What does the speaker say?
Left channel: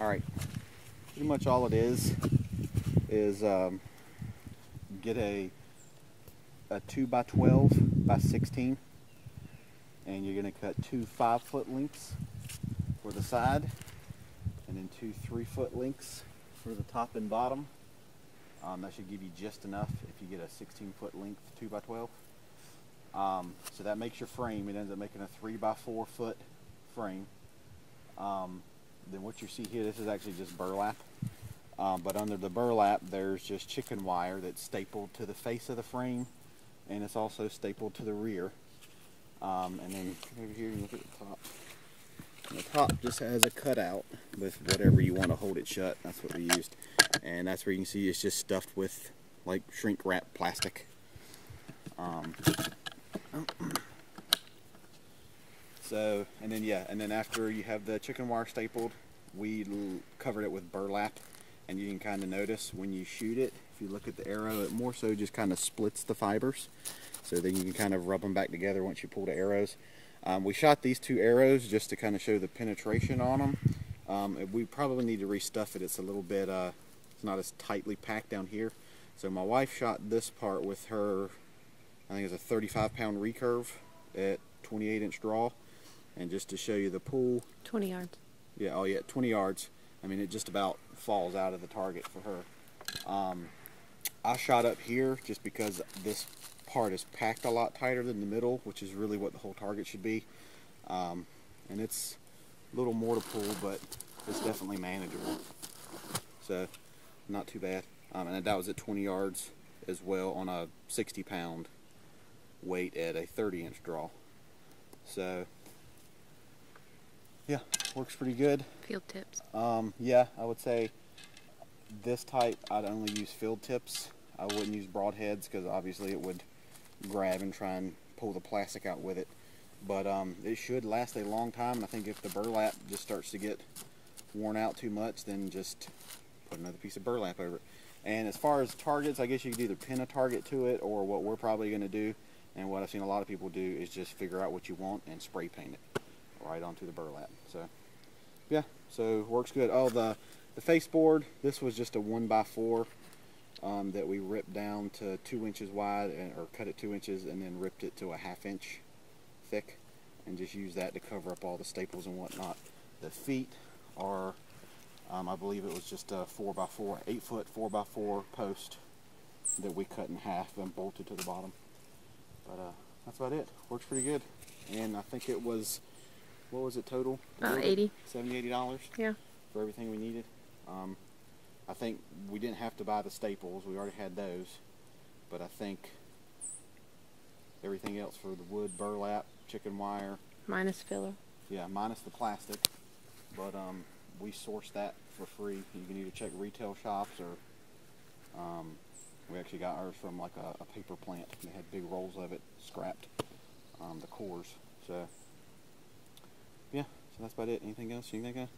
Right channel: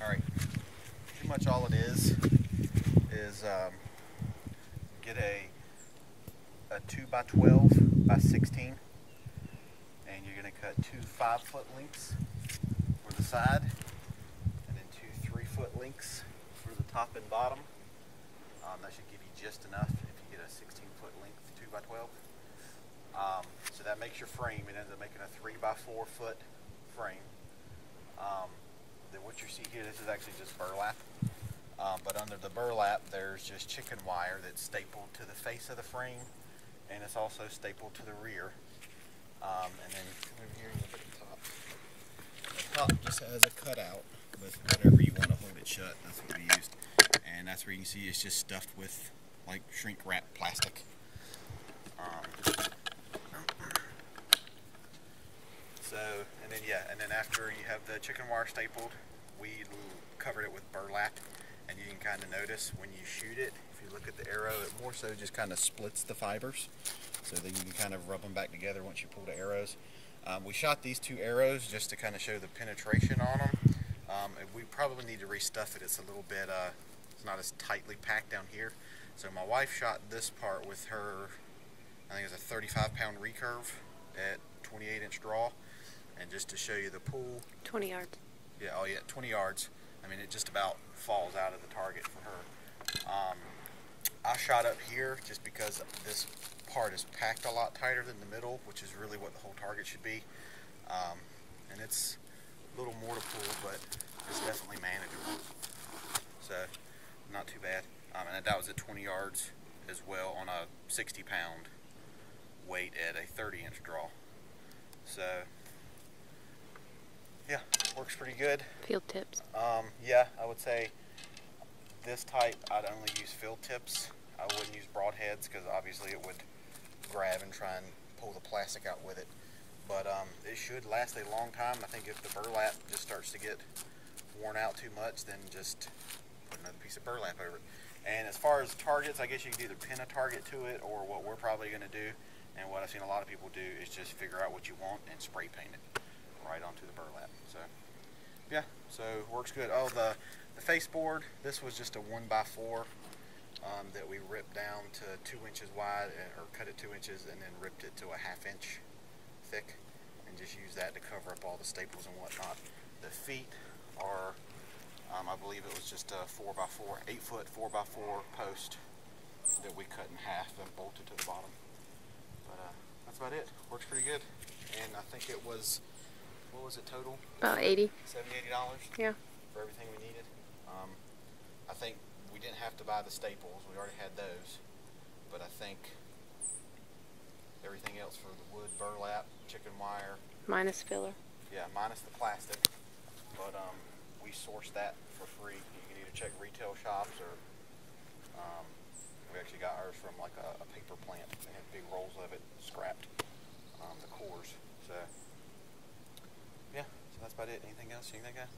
Alright, pretty much all it is get a 2x12 by 16, and you're going to cut two 5-foot lengths for the side, and then two 3-foot lengths for the top and bottom. That should give you just enough if you get a 16-foot length 2x12. So that makes your frame. It ends up making a 3x4 foot frame. Then what you see here, this is actually just burlap. But under the burlap, there's just chicken wire that's stapled to the face of the frame, and it's also stapled to the rear. And then over here, look at the top. The top just has a cutout with whatever you want to hold it shut. That's what we used. And that's where you can see it's just stuffed with like shrink wrap plastic. So, and then after you have the chicken wire stapled, we covered it with burlap, and you can kind of notice when you shoot it, if you look at the arrow, it more so just kind of splits the fibers, so then you can kind of rub them back together once you pull the arrows. We shot these two arrows just to kind of show the penetration on them. We probably need to restuff it. It's a little bit, it's not as tightly packed down here. So my wife shot this part with her, I think it's a 35-pound recurve at 28-inch draw. And just to show you the pull. 20 yards. Yeah, oh yeah, 20 yards. I mean, it just about falls out of the target for her. I shot up here just because this part is packed a lot tighter than the middle, which is really what the whole target should be. And it's a little more to pull, but it's definitely manageable. So, not too bad. And that was at 20 yards as well on a 60-pound weight at a 30-inch draw. So, yeah, works pretty good. Field tips. Yeah, I would say this type I'd only use field tips. I wouldn't use broadheads because obviously it would grab and try and pull the plastic out with it. But it should last a long time. I think if the burlap just starts to get worn out too much, then just put another piece of burlap over it. And as far as targets, I guess you could either pin a target to it, or what we're probably going to do, and what I've seen a lot of people do, is just figure out what you want and spray paint it right onto the burlap. So yeah, so works good. Oh, the face board, this was just a 1x4 that we ripped down to 2 inches wide, or cut it 2 inches, and then ripped it to a 1/2 inch thick, and just used that to cover up all the staples and whatnot. The feet are, I believe it was just a 4x4, 8-foot 4x4 post that we cut in half and bolted to the bottom. But that's about it. Works pretty good. And I think it was, what was it total? About $80. $70, $80? Yeah. For everything we needed. I think we didn't have to buy the staples. We already had those. But I think everything else for the wood, burlap, chicken wire. Minus filler. Yeah, minus the plastic. But we sourced that for free. You can either check retail shops, or we actually got ours from like a paper plant. They had big rolls of it scrapped, the cores. So yeah, so that's about it. Anything else you think of?